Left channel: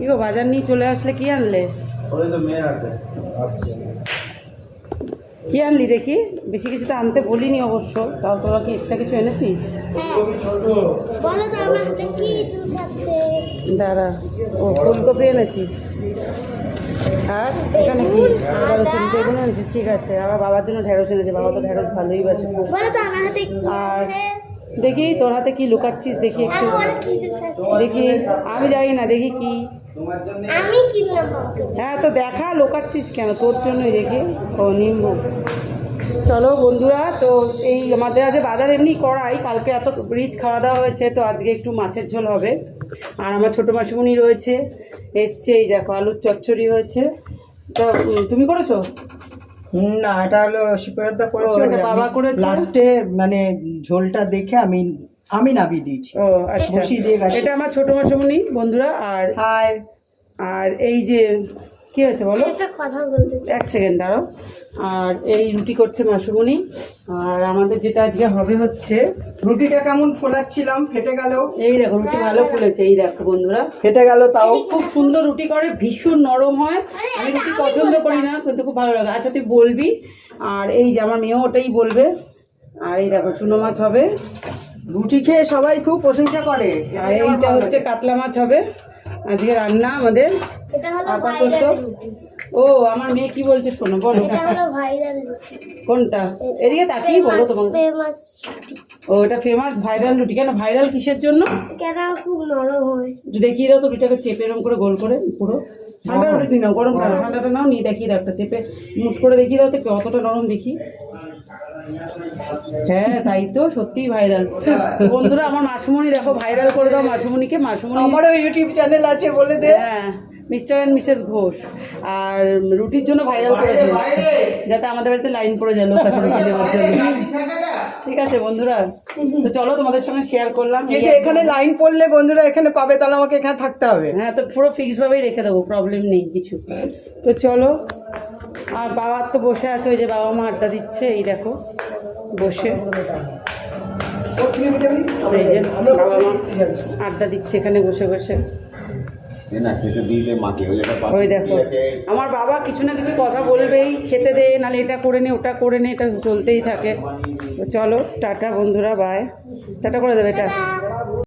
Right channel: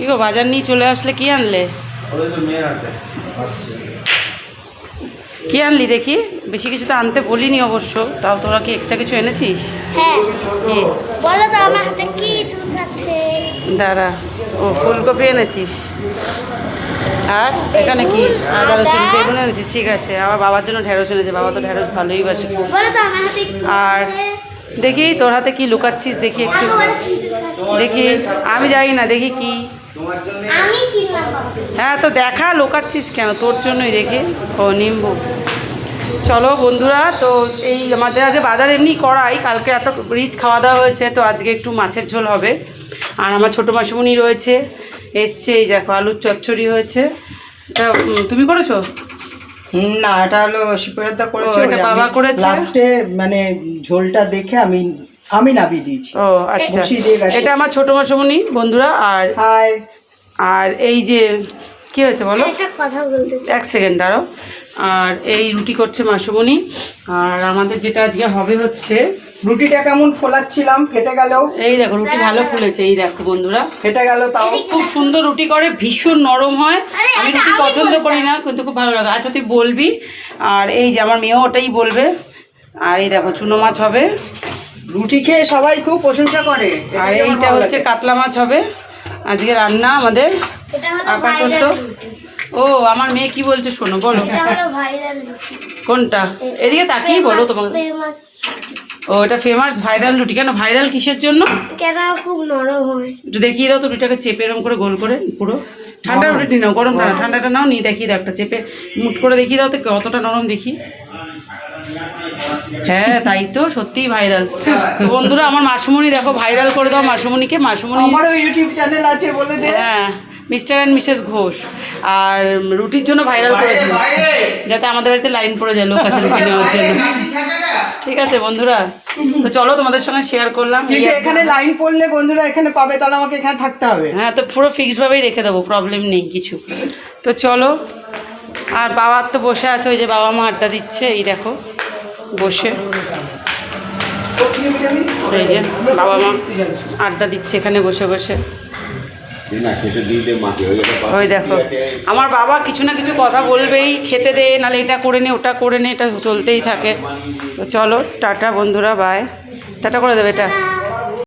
কি গো বাজার নিয়ে চলে আসলে, কি আনলে? কি আনলি দেখি? বেশি কিছু তো আনতে বলিনি অবশ্য, তাও তোরা কি এক্সট্রা কিছু এনেছিস? হ্যাঁ। কি বলো তো আমার হাতে কি জুস আছে? দাঁড়া, ও ফুলকপি এনেছিস, আর এখানে কি? আর দাদা তুমি বেগুন এনেছিস, ঠিক আছে। আবার বাবার জন্য ঢেঁড়স এনেছে, বাবা তো ঢেঁড়স ভালোই বাসে। বলো তো আমার হাতে কি আর আছে? দেখি তোর হাতে কি লুকাচ্ছিস, দেখি একটু আমার হাতে কি জুস আছে? দেখি। আমি জানি না, দেখি কি। আমি কিনলাম বাবা। হ্যাঁ তো দেখা, লোকাচ্ছিস কেন? তোর জন্যই দেখি। ও নিম্বু। চলো বন্ধুরা, তো এই আমাদের আজ বাজার এমনি করাই, কালকে এত রিচ খাওয়া দাওয়া হয়েছে, তো আজকে একটু মাছের ঝোল হবে। আর আমার ছোটো মাসুমনি রয়েছে, এসছে, এই দেখো আলুর চচ্চড়ি হয়েছে। এটা তুমি করেছো? না, এটা হলো শিবপ্রসাদদা করেছে, ও, এটা বাবা করেছে। লাস্টে মানে ঝোলটা দেখে আমি নামিয়ে দিয়েছি। ও আচ্ছা, বসিয়ে দিয়ে গেছে। এটা আমার ছোটো মাসুমনি বন্ধুরা। আর হাই। আর এই যে কি হয়েছে বলো? একটা কথা বলতে চাই। এক সেকেন্ড দাঁড়াও। আর এই রুটি করছে মাসুমনি। আর আমাদের যেটা আজকে হবে হচ্ছে, রুটিটা কেমন ফোলাচ্ছিলাম, ফেটে গেল। এই দেখো রুটি ভালো ফুলেছে, এই দেখো বন্ধুরা, ফেটে গেল তাও। খুব সুন্দর রুটি করে, ভীষণ নরম হয়। আমি রুটি পছন্দ করি না, কিন্তু খুব ভালো লাগে। আচ্ছা তুই বলবি। আর এই যে আমার মেয়েও ওটাই বলবে। আর এই দেখো চুনো মাছ হবে, রুটি খেয়ে সবাই খুব প্রশংসা করে। আর এটাই আমার এইটা ভালো হচ্ছে লাগে। কাতলা মাছ হবে আজকে রান্না আমাদের। এটা হলো আপাতত। ভাইরাল। ও আমার মেয়ে কি বলছে শোনো, বলো। এটা হলো ভাইরাল। কোনটা? এদিকে তাকিয়ে বলো তোমাকে। ফেমাস। ও এটা ফেমাস ভাইরাল রুটি। কেন ভাইরাল কিসের জন্য? কেন খুব নরম হয়। একটু দেখিয়ে দাও তো রুটিটাকে, চেপে এরকম করে গোল করে পুরো। ঠান্ডা রুটি নাও, গরম ঠান্ডাটা নাও, নিয়ে দেখিয়ে দাও একটা চেপে মুট করে দেখিয়ে দাও তো কতটা নরম দেখি। হ্যাঁ তাই তো, সত্যিই ভাইরাল। তো বন্ধুরা আমার মাসুমনি দেখো, ভাইরাল করে দাও মাসুমনিকে। মাসুমনি আমারও ইউটিউব চ্যানেল আছে, বলে দে। হ্যাঁ, মিস্টার অ্যান্ড মিসেস ঘোষ। আর রুটির জন্য ভাইরাল করে দিন, যাতে আমাদের বাড়িতে লাইন পড়ে যায় লোক আসে রুটি নেওয়ার জন্য। ঠিক আছে বন্ধুরা, তো চলো তোমাদের সঙ্গে শেয়ার করলাম। কিন্তু এখানে লাইন পড়লে বন্ধুরা এখানে পাবে, তাহলে আমাকে এখানে থাকতে হবে। হ্যাঁ তো পুরো ফিক্সডভাবেই রেখে দেবো, প্রবলেম নেই কিছু। তো চলো। আর বাবার তো বসে আছে, ওই যে বাবা মা আড্ডা দিচ্ছে, এই দেখো বসে। এই যে বাবা মা আড্ডা দিচ্ছে এখানে বসে বসে। ওই দেখো আমার বাবা কিছু না কিছু কথা বলবেই, খেতে দে, নাহলে এটা করে নে ওটা করে নে, এটা চলতেই থাকে। তো চলো টাটা বন্ধুরা, বাই। টাটা করে দেবে এটা।